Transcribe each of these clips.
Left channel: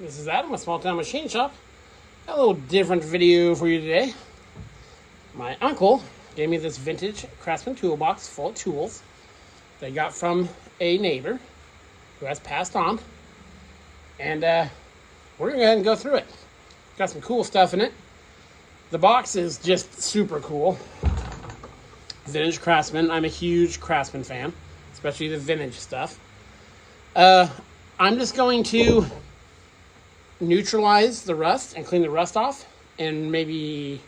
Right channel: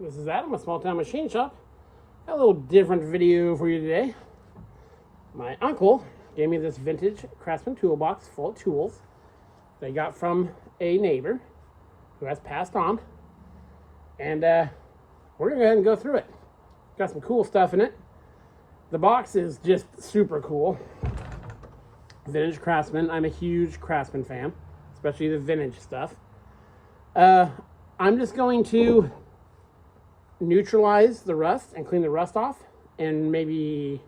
This is Adam, a small town machine shop. Got a little different video for you today. My uncle gave me this vintage Craftsman toolbox full of tools that he got from a neighbor who has passed on. And we're gonna go ahead and go through it. Got some cool stuff in it. The box is just super cool. Vintage Craftsman. I'm a huge Craftsman fan, especially the vintage stuff. I'm just going to neutralize the rust and clean the rust off and maybe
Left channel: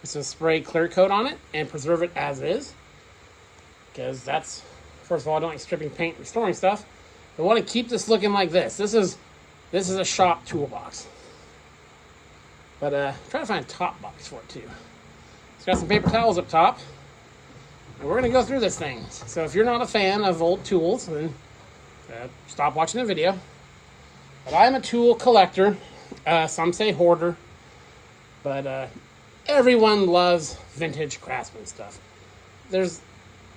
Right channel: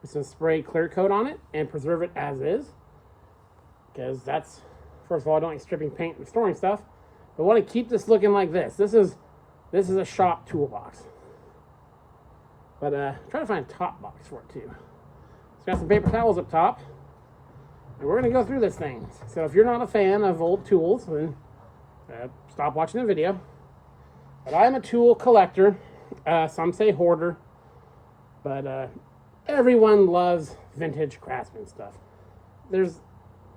put some spray clear coat on it and preserve it as is, because that's, first of all, I don't like stripping paint and restoring stuff. I want to keep this looking like this. This is a shop toolbox, but try to find a top box for it too. It's got some paper towels up top, and we're gonna go through this thing. So if you're not a fan of old tools, then stop watching the video. But I'm a tool collector. Some say hoarder, but everyone loves vintage Craftsman stuff. There's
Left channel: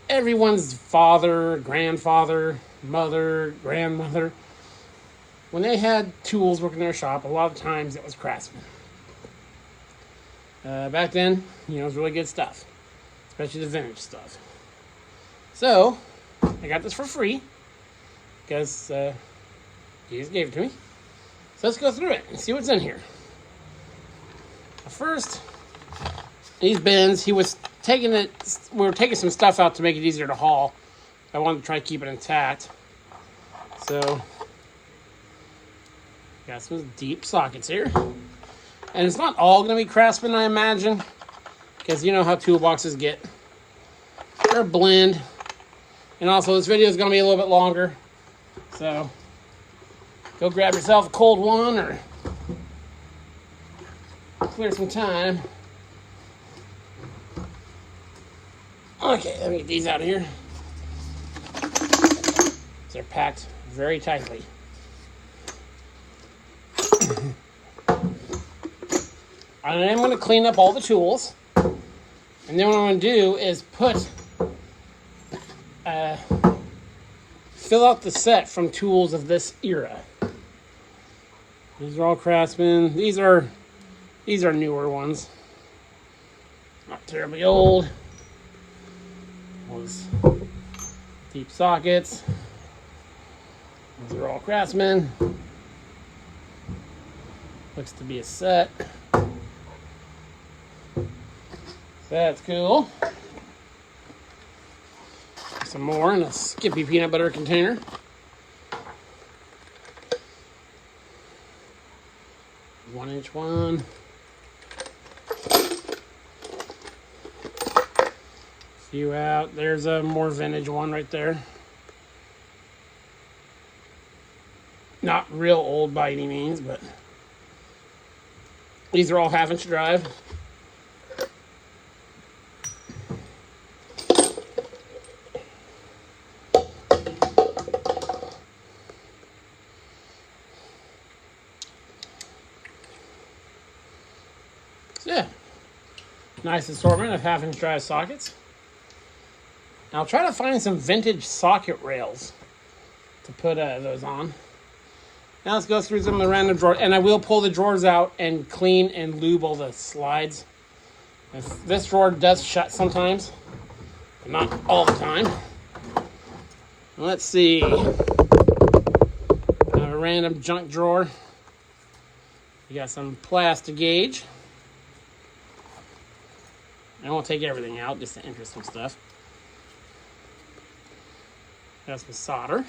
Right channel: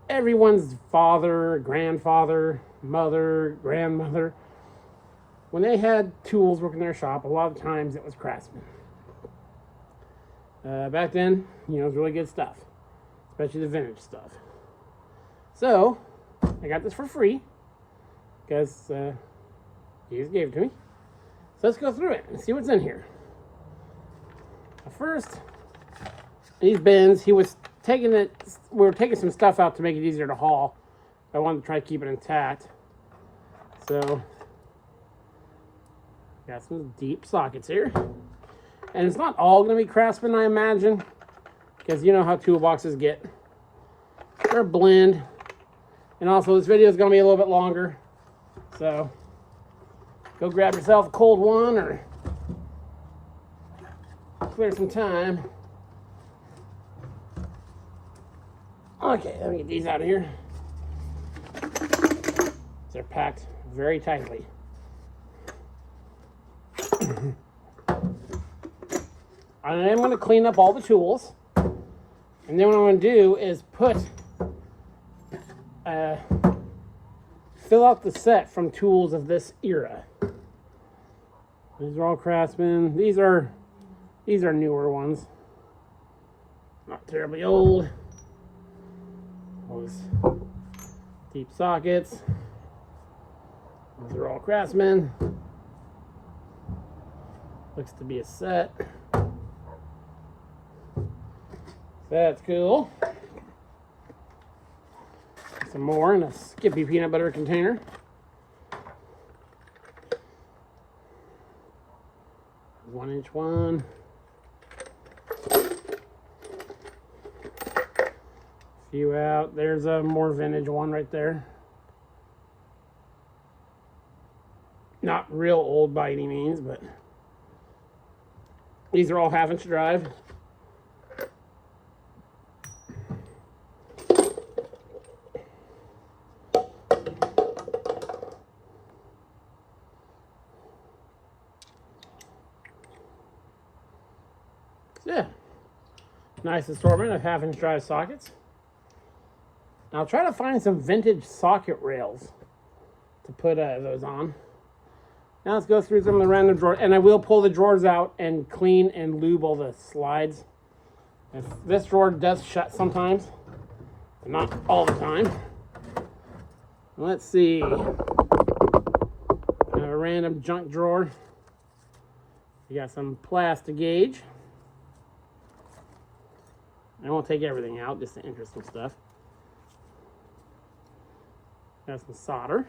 everyone's father, grandfather, mother, grandmother. When they had tools working in their shop, a lot of times it was Craftsman. Back then, it was really good stuff, especially the vintage stuff. So I got this for free because he just gave it to me. So let's go through it and see what's in here. First, these bins, we were taking some stuff out to make it easier to haul. I wanted to try to keep it intact. So, got some deep sockets here. And it's not all gonna be Craftsman, I imagine, because you know how toolboxes get. They're a blend. And also this video is gonna be a little bit longer. So, go grab yourself a cold one or clear some time. Okay, let me get these out of here. They're packed very tightly. I am going to clean up all the tools. And then what I'm going to do is fill out the set from tools of this era. These are all Craftsman. These are newer ones. Not terribly old. Those deep sockets. Those are all Craftsman. Looks to be a set. That's cool. Some more in a Skippy peanut butter container. One-inch one. Few out. There's a more vintage one right there. Not real old by any means, but these are all half-inch drive. Yeah, nice assortment of half-inch drive sockets. Now I'll try to find some vintage socket rails to put those on. Now let's go through some of the random drawers, and I will pull the drawers out and clean and lube all the slides. If this drawer does shut sometimes, not all the time. Let's see. I have a random junk drawer. You got some plastic gauge. I won't take everything out, just the interesting stuff. Got some solder.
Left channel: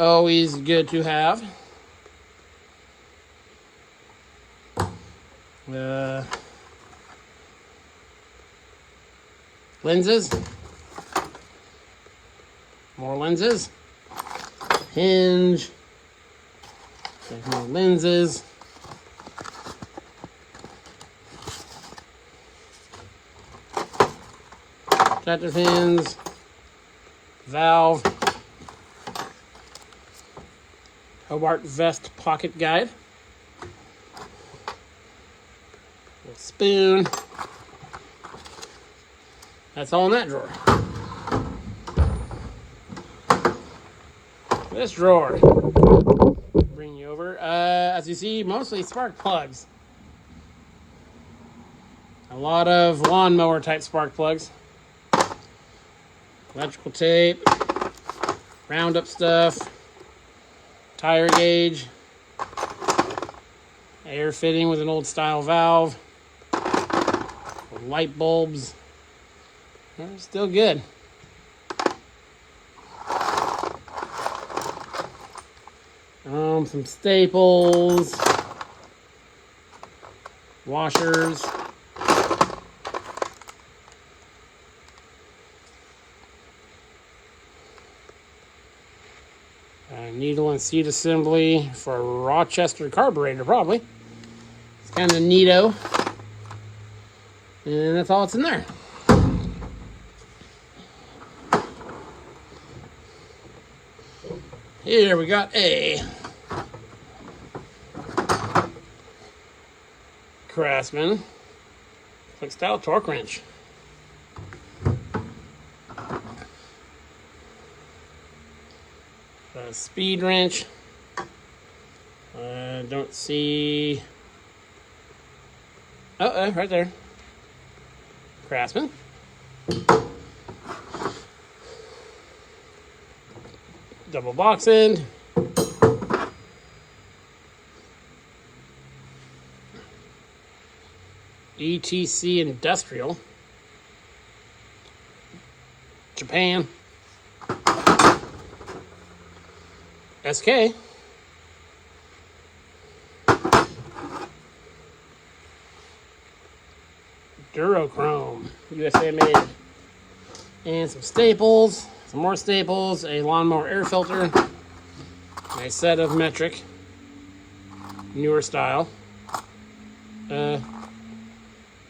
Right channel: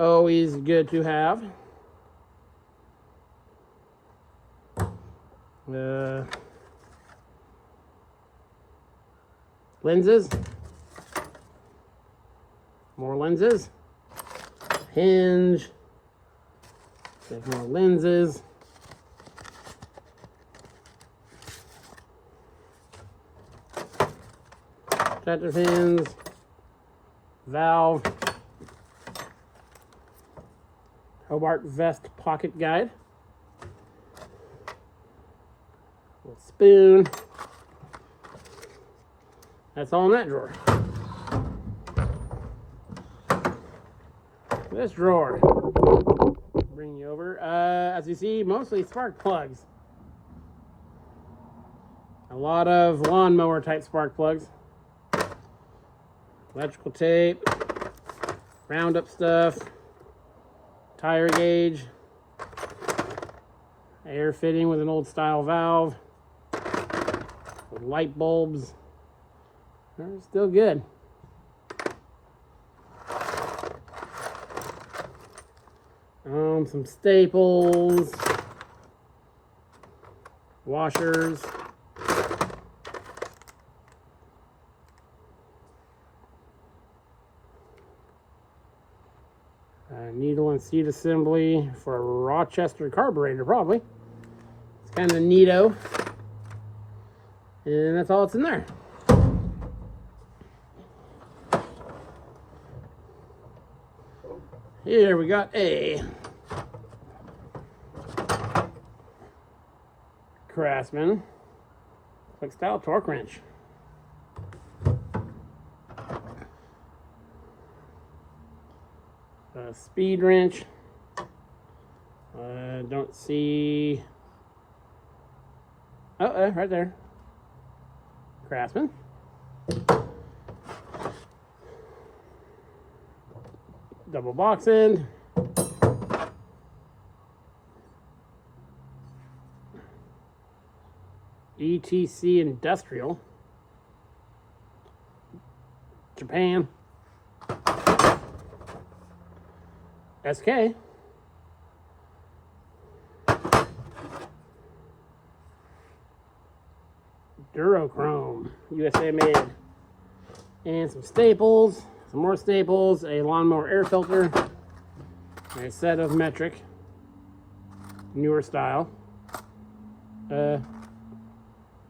Always good to have. Lenses. More lenses. Hinge. More lenses. Tractor pins, valve, Hobart vest pocket guide, spoon. That's all in that drawer. This drawer, bring you over. As you see, mostly spark plugs. A lot of lawnmower type spark plugs. Electrical tape, roundup stuff, tire gauge, air fitting with an old style valve, light bulbs. They're still good. Some staples, washers, needle and seat assembly for a Rochester carburetor, probably. It's kind of neato. And that's all that's in there. Here we got a Craftsman click style torque wrench. A speed wrench. Don't see. Oh, right there. Craftsman. Double box end. ETC Industrial. Japan. SK. Durochrome. USA made. And some staples. Some more staples. A lawnmower air filter. A set of metric. Newer style.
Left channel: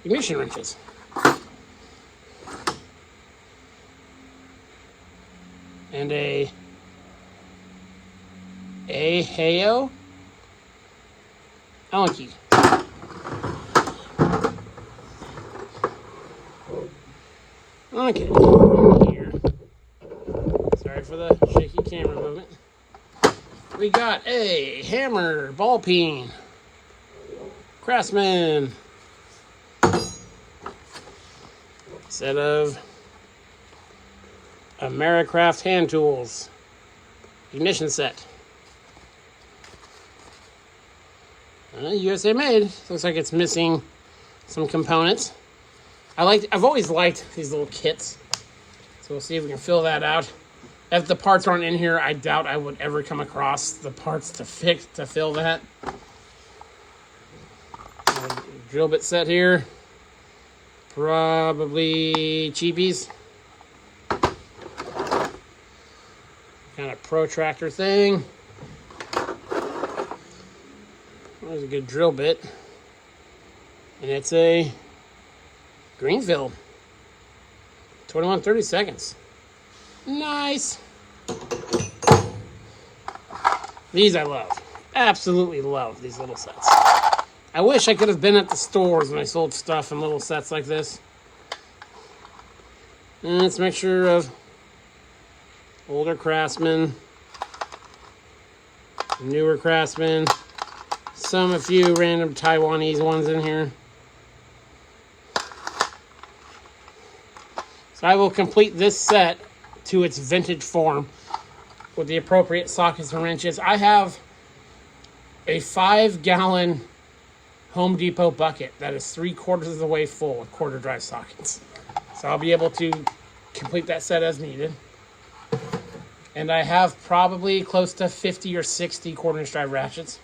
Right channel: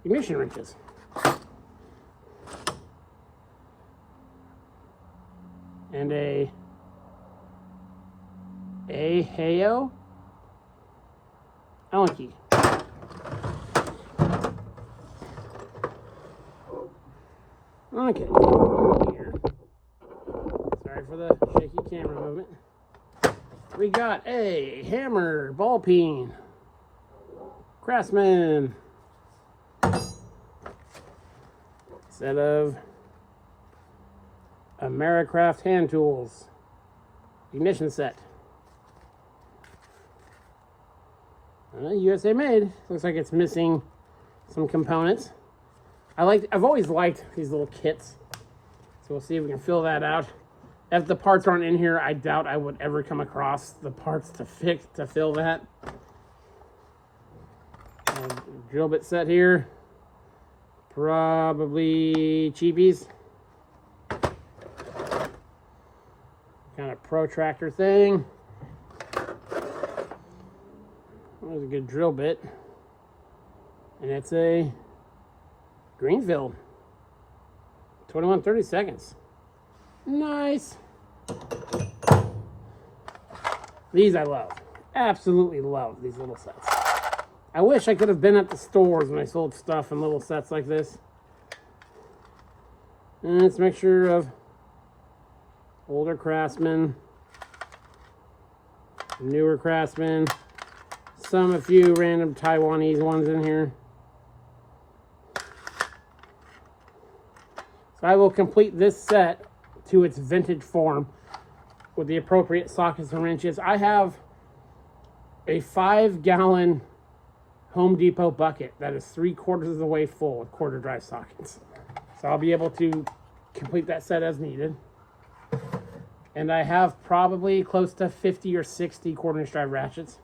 Ignition wrenches. And a Heyo Allen key. Okay, here. Sorry for the shaky camera movement. We got a hammer ball peen. Craftsman. Set of Americraft hand tools. Ignition set. USA made. Looks like it's missing some components. I've always liked these little kits. So we'll see if we can fill that out. If the parts aren't in here, I doubt I would ever come across the parts to fill that. Drill bit set here. Probably cheapies. Kind of protractor thing. There's a good drill bit. And it's a Greenfield. 21-30 seconds. Nice. These I love. Absolutely love these little sets. I wish I could have been at the stores when I sold stuff in little sets like this. And it's a mixture of older Craftsman, newer Craftsman, a few random Taiwanese ones in here. So I will complete this set to its vintage form with the appropriate sockets and wrenches. I have a 5-gallon Home Depot bucket that is 3/4 of the way full of quarter drive sockets. So I'll be able to complete that set as needed. And I have probably close to 50 or 60 quarter-inch drive ratchets.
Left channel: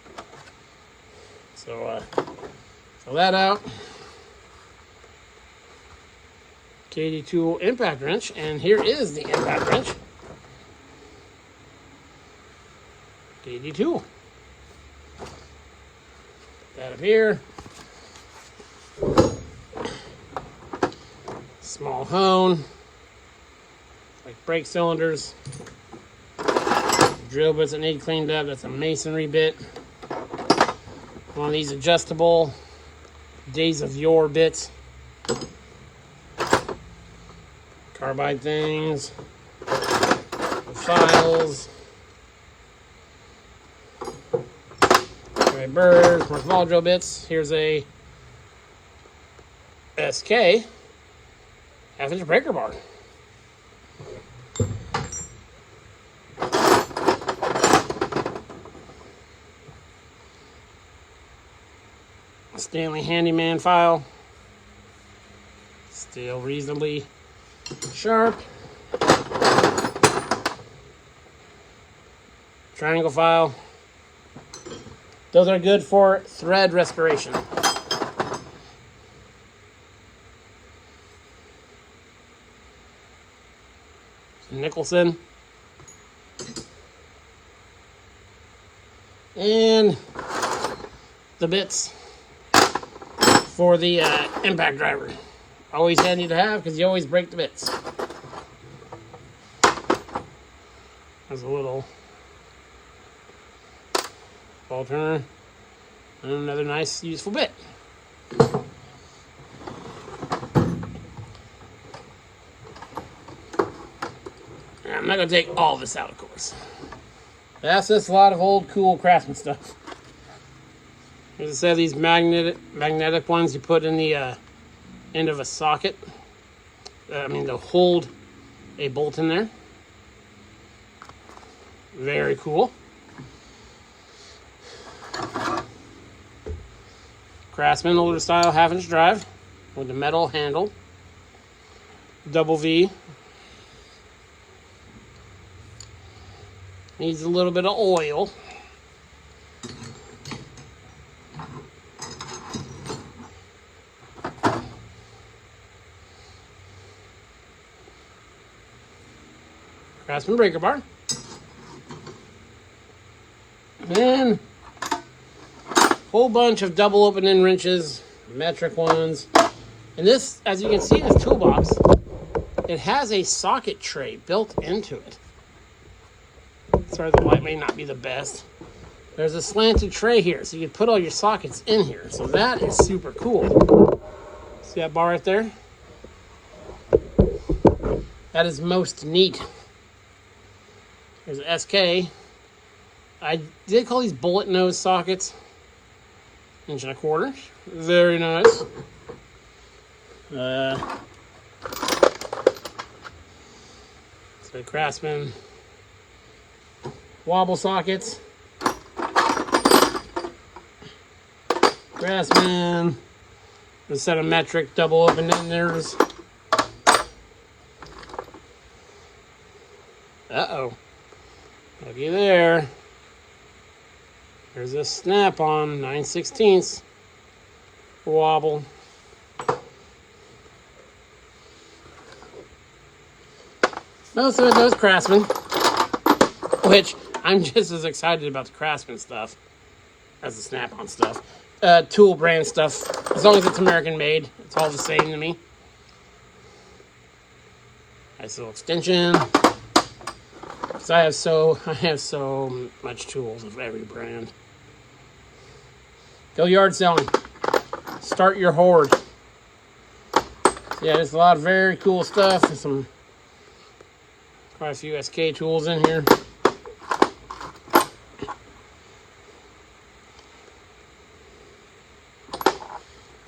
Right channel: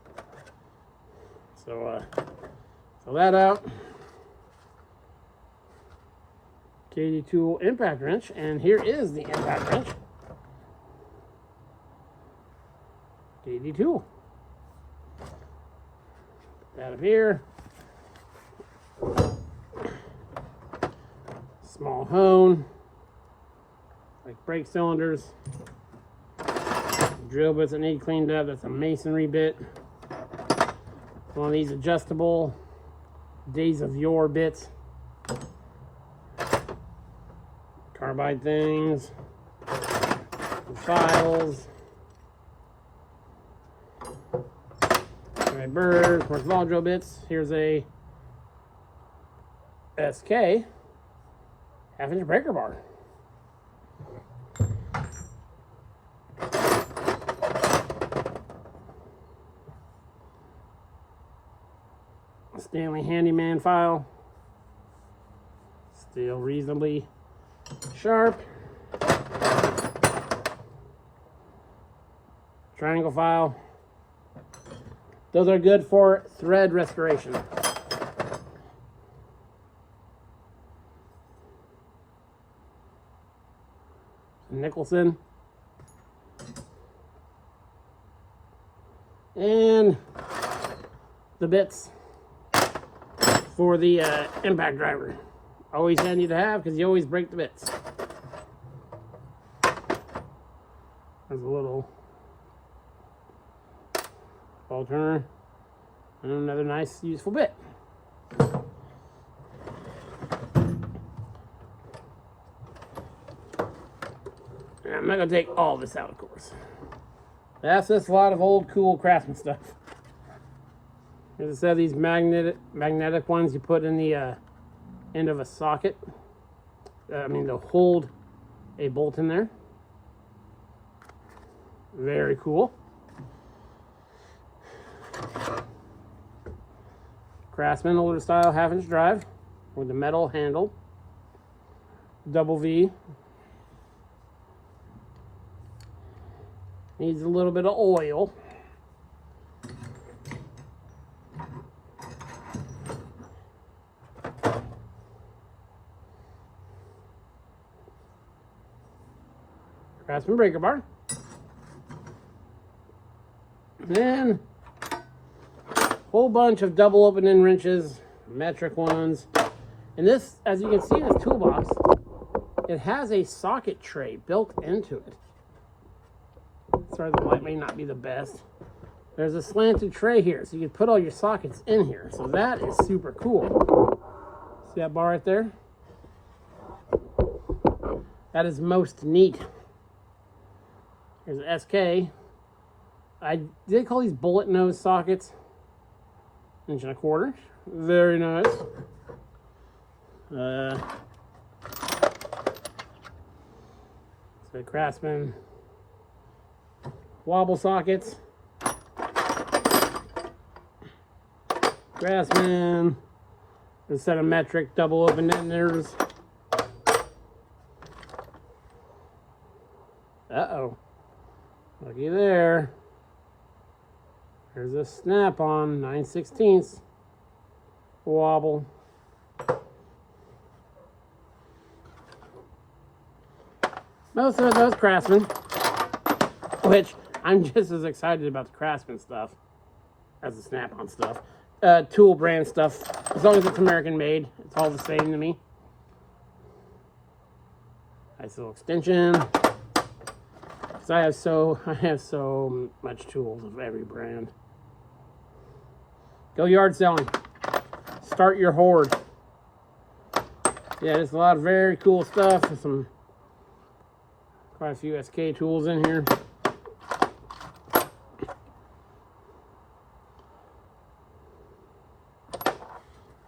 So fill that out. KD Tool impact wrench, and here is the impact wrench. KD Tool. That up here. Small hone. Like brake cylinders. Drill bits that need cleaned up. That's a masonry bit. One of these adjustable Days of Yore bits. Carbide things. Files. my burrs, more small drill bits. Here's a SK half-inch breaker bar. Stanley Handyman file. Still reasonably sharp. Triangle file. Those are good for thread restoration. Nicholson. And the bits for the impact driver. Always handy to have because you always break the bits. There's a little ball turner and another nice useful bit. I'm not going to take all this out, of course. That's just a lot of old cool craftsman stuff. Here's a set of these magnetic ones you put in the end of a socket. To hold a bolt in there. Very cool. Craftsman older style half-inch drive with the metal handle. Double V. Needs a little bit of oil. Craftsman breaker bar. Then a whole bunch of double opening wrenches, metric ones. And this, as you can see in this toolbox, it has a socket tray built into it. Sorry, the light may not be the best. There's a slanted tray here, so you can put all your sockets in here. So that is super cool. See that bar right there? That is most neat. Here's an SK. I did call these bullet nose sockets. 1.25 inch. Very nice. So Craftsman wobble sockets. Craftsman. A set of metric double open enders. Uh-oh. Looky there. There's a snap-on 9/16 wobble. Most of it knows Craftsman, which I'm just as excited about the Craftsman stuff as the snap-on stuff. Tool brand stuff, as long as it's American made, it's all the same to me. Nice little extension. Because I have so much tools of every brand. Go yard selling. Start your hoard. Yeah, there's a lot of very cool stuff. There's quite a few SK tools in here.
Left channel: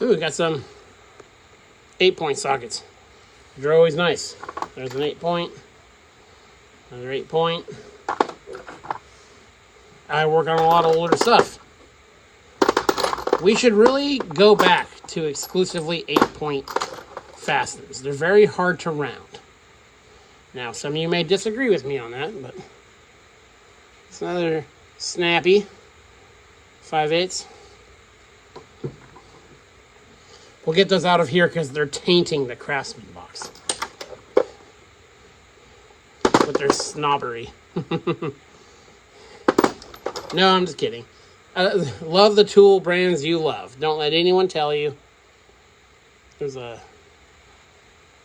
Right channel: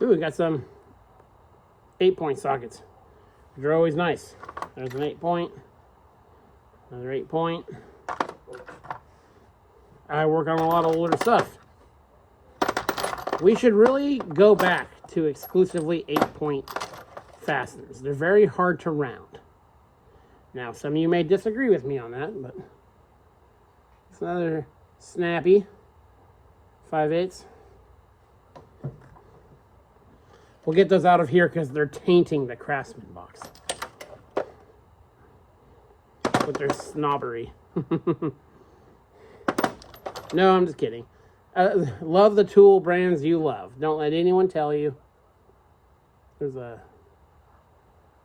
Ooh, we got some 8-point sockets. They're always nice. There's an 8-point. Another 8-point. I work on a lot of older stuff. We should really go back to exclusively 8-point fasteners. They're very hard to round. Now, some of you may disagree with me on that, but it's another snappy 5/8. We'll get those out of here because they're tainting the Craftsman box with their snobbery. No, I'm just kidding. Love the tool brands you love. Don't let anyone tell you. There's a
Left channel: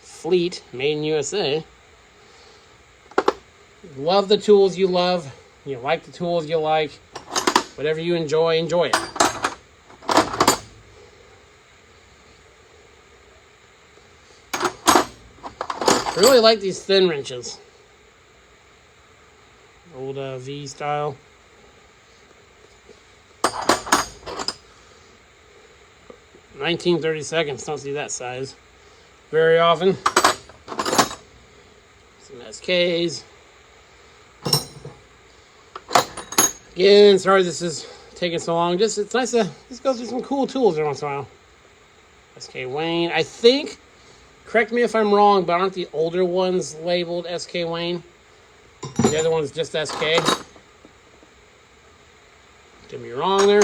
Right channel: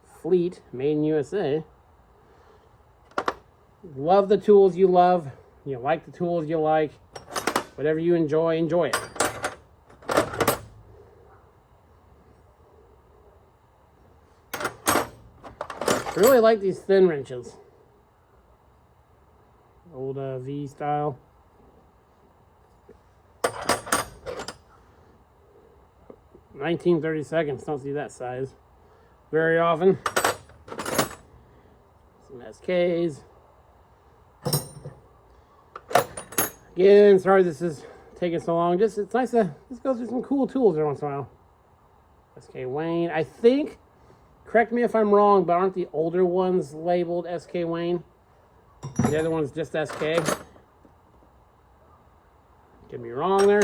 Fleet made in USA. Love the tools you love. You like the tools you like. Whatever you enjoy, enjoy it. I really like these thin wrenches. Old V style. 19/32. Don't see that size very often. Some SKs. Again, sorry this is taking so long. It's nice to just go through some cool tools every once in a while. SK Wayne. I think, correct me if I'm wrong, but aren't the older ones labeled SK Wayne? The other one's just SK. Get me wrong there.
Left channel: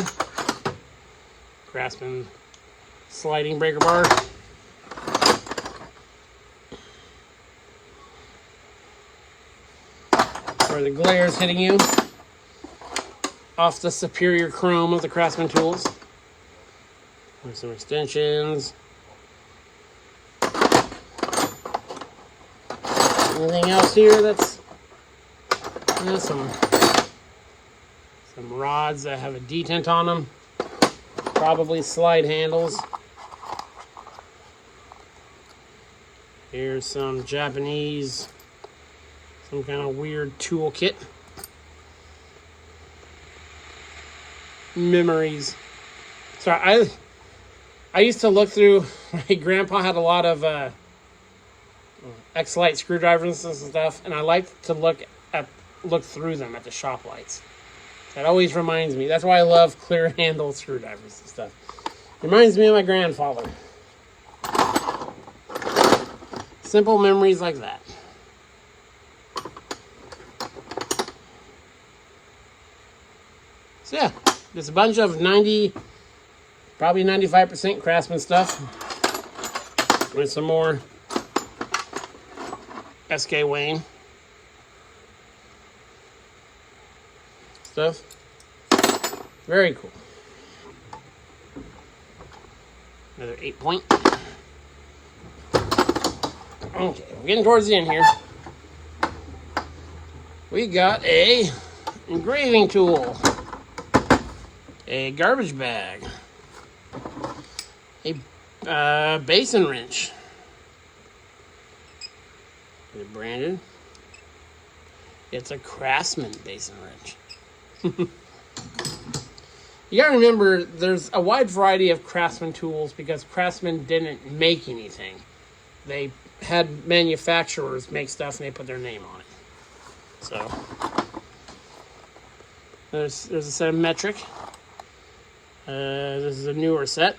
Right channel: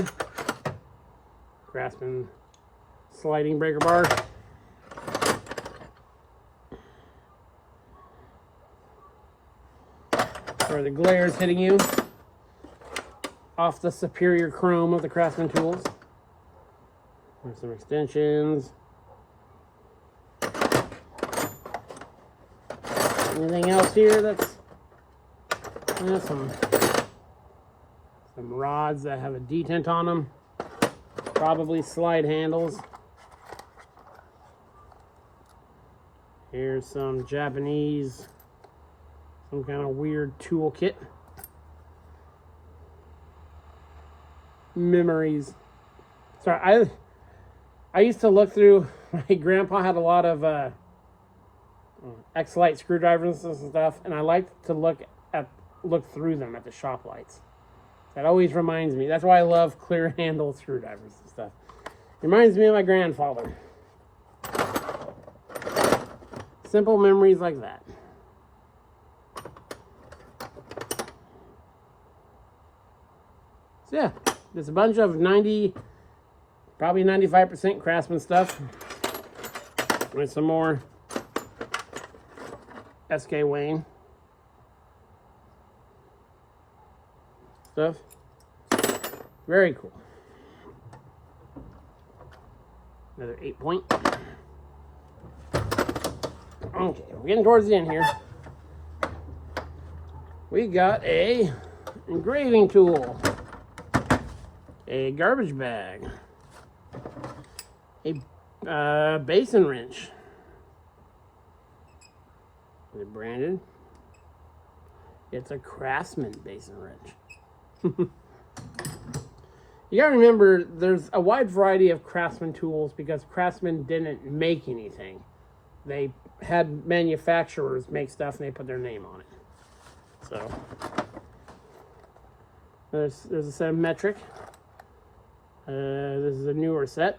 Craftsman sliding breaker bar. Where the glare is hitting you off the superior chrome of the Craftsman tools. There's some extensions. Anything else here that's some rods that have a detent on them. Probably slide handles. Here's some Japanese, some kind of weird tool kit. Memories. Sorry, I used to look through. My grandpa had a lot of X-Lite screwdrivers and stuff, and I like to look through them at the shop lights. That always reminds me. That's why I love clear handle screwdrivers and stuff. Reminds me of my grandfather. Simple memories like that. So yeah, just a bunch of probably 95% Craftsman stuff. With some more SK Wayne stuff. Very cool. Another 8-point. Okay, we're getting towards the end here. We got a engraving tool, a garbage bag, a basin wrench. Is it branded? It's a Craftsman basin wrench. You gotta remember, there's a wide variety of Craftsman tools because Craftsman didn't make anything. They had manufacturers make stuff and they put their name on it. So there's a set of metric. This is a newer set.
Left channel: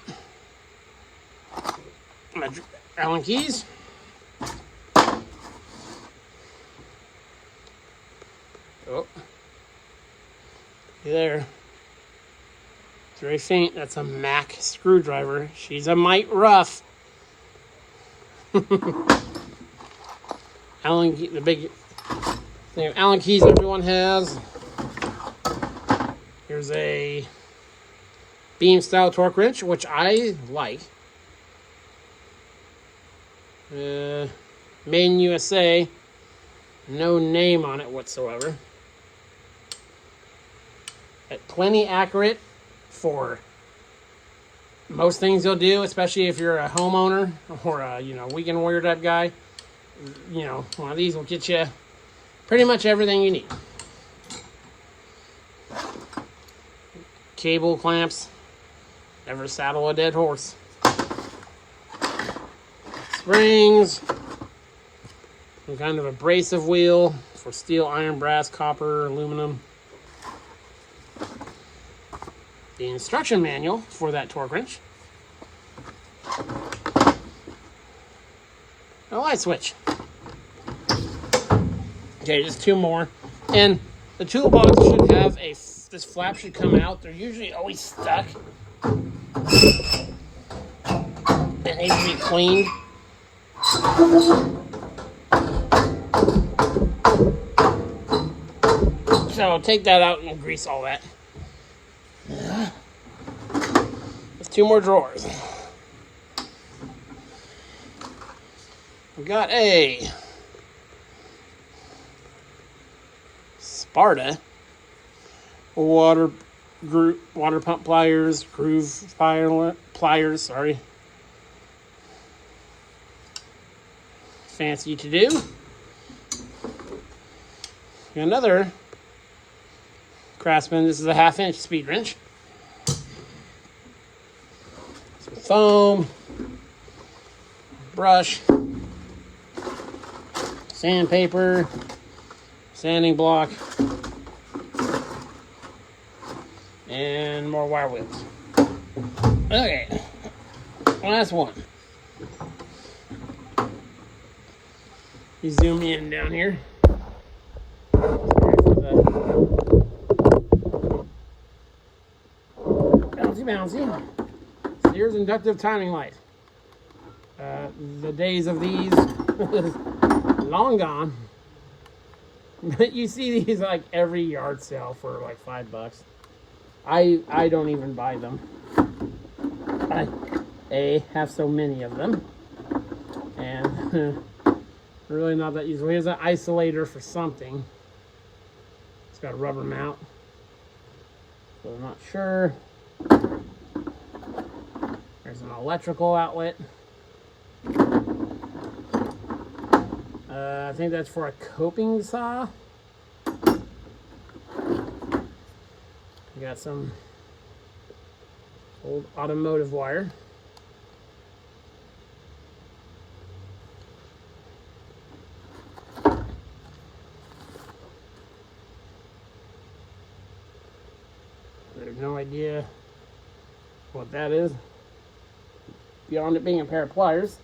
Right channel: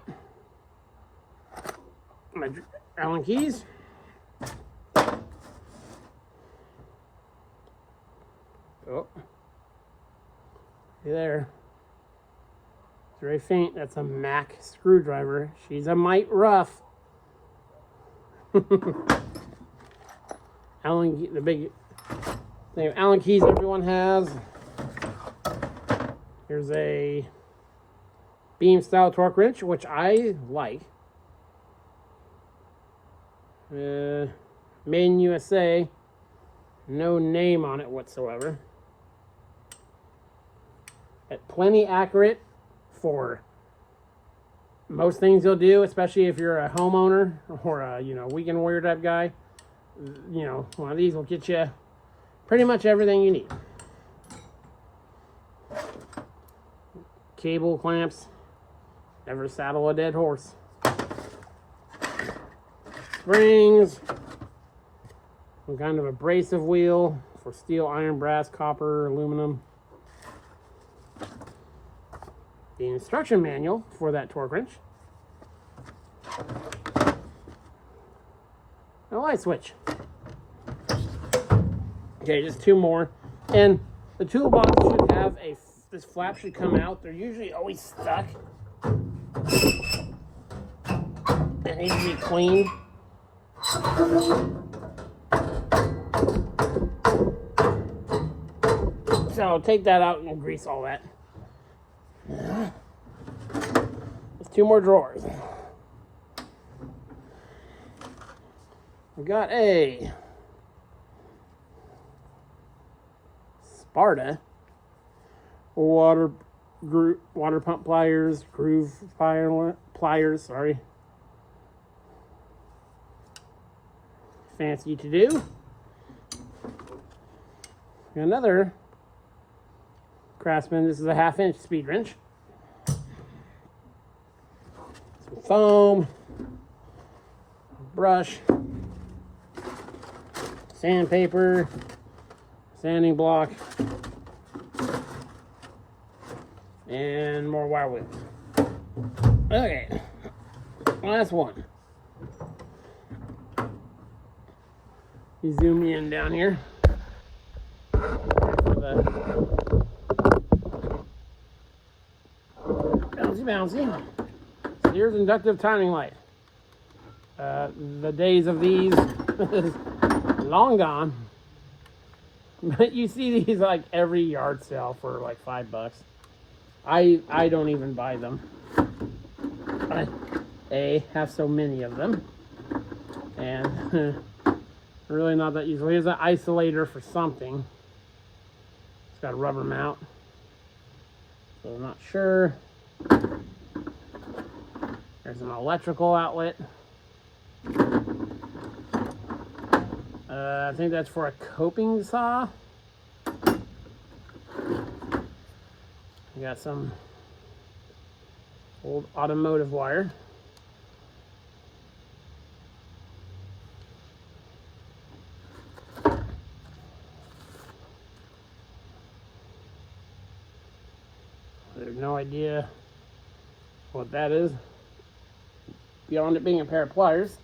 Metric Allen keys. Oh, there. It's very faint. That's a Mac screwdriver. She's a mite rough. Allen key, the big thing of Allen keys everyone has. Here's a beam style torque wrench, which I like. Made in USA. No name on it whatsoever. Plenty accurate for most things you'll do, especially if you're a homeowner or a weekend warrior type guy. One of these will get you pretty much everything you need. Cable clamps. Never saddle a dead horse. Springs. Some kind of abrasive wheel for steel, iron, brass, copper, aluminum. The instruction manual for that torque wrench. A light switch. Okay, just two more. And the toolbox should have this flap should come out. They're usually always stuck. It needs to be cleaned. So take that out and grease all that. There's two more drawers. We got a Sparta water pump pliers, groove pliers, sorry. Fancy to do. Another Craftsman, this is a 1/2 inch speed wrench. Some foam, brush, sandpaper, sanding block, and more wire wheels. Okay, last one. You zoom in down here. Bouncy, bouncy. So here's inductive timing light. The days of these long gone. But you see these like every yard sale for like $5. I don't even buy them. I have so many of them, and really not that useful. Here's an isolator for something. It's got a rubber mount, so I'm not sure. There's an electrical outlet. I think that's for a coping saw. We got some old automotive wire. There's no idea what that is beyond it being a pair of pliers.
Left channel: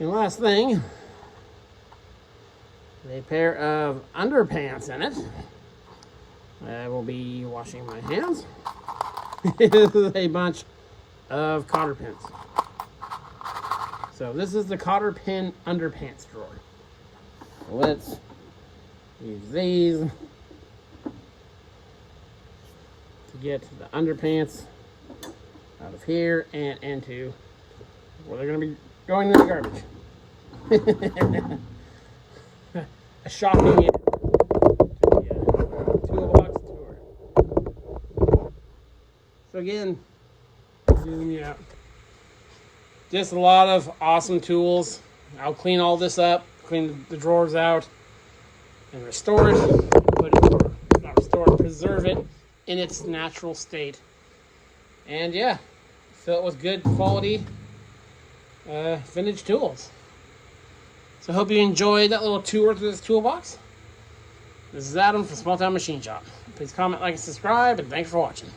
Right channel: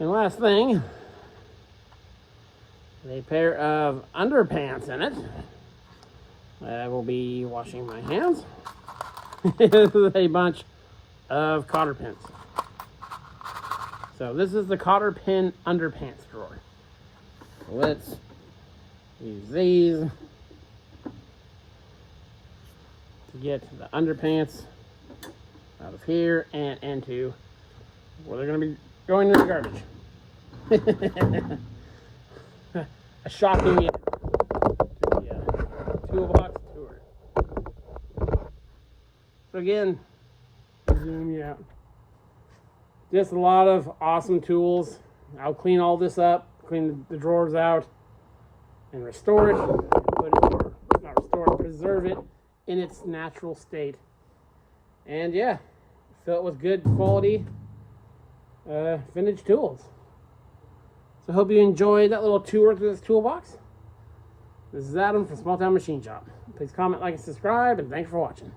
And last thing, a pair of underpants in it. I will be washing my hands. This is a bunch of cotter pins. So this is the cotter pin underpants drawer. So let's use these to get the underpants out of here and into where they're going to be going in the garbage. A shocking end to the Toolbox tour. So again, zoom you out. Just a lot of awesome tools. I'll clean all this up, clean the drawers out, and restore it. Put it, or not restore it, preserve it in its natural state. And yeah, fill it with good quality vintage tools. So I hope you enjoyed that little tour through this toolbox. This is Adam from Small Town Machine Shop. Please comment, like, and subscribe, and thanks for watching.